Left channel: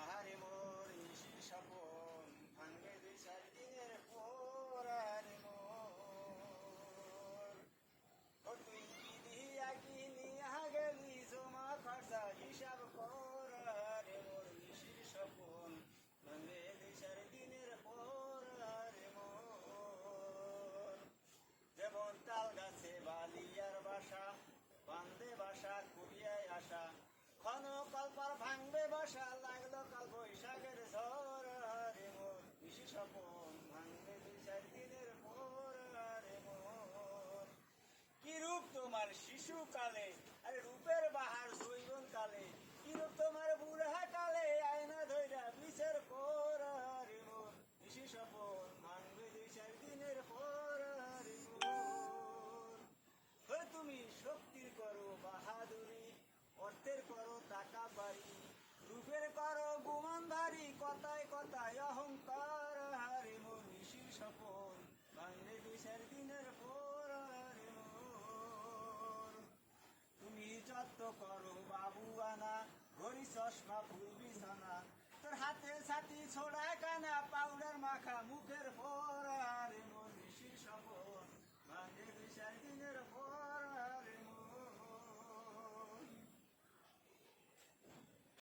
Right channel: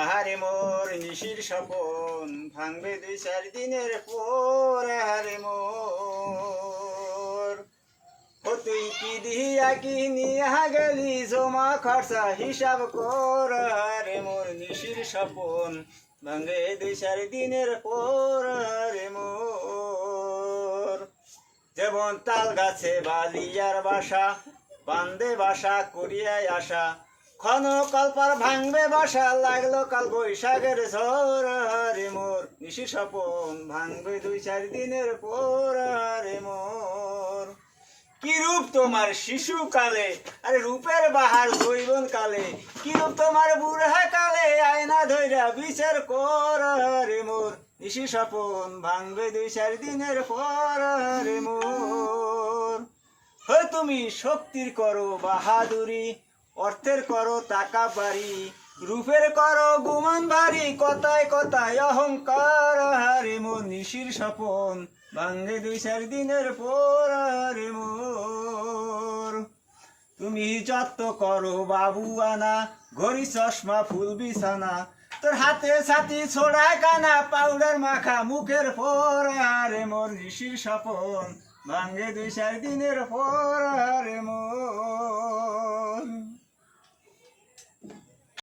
আহারে মোর নিশির স্বপন ভাঙবে 2-4 দিনের পর। আহারে মোর ও তুই কি দিয়া কি নিয়া গেলি জমা খরচা হিসাব কর। আহারে মোর নিশির স্বপন ভাঙবে 2-4 দিনের পর। আহারে মোর যেমন তাল গাছে বালিয়ার বাসা বান্দে বাসা করিয়াই আসা ক্ষণ কল্পার ভাঙবে বাসা লাগলো কাল বৈশাখের ঝড়। আহারে মোর নিশির স্বপন ভাঙবে 2-4 দিনের পর। আহারে মোর কি রূপ তোমার শিশুকালে, আরে রূপের বাহার যৌবন কালে, কি রূপ তোমার বুড়া কালে আয়না ধইরা বিচার কর। আহারে মোর নিশির স্বপন ভাঙবে 2-4 দিনের পর। আহারে মোর হয় তুমি শক্তির করো বাহাদুরি, অর্থের করো টাকা বাড়ি, রূপের করো গুমান ভারী, কথায় কথায় অহংকার। আহারে মোর নিশির স্বপন ভাঙবে 2-4 দিনের পর। আহারে মোর তুমি যত করো বাবু আনা, ঘড়ি চশমা ফুল বিছানা, তোর হাতে ছাতি ছোড়ায় কানা, পাউডার মাখা মুখের পর। আহারে মোর নিশির স্বপন ভাঙবে 2-4 দিনের পর। আহারে মোর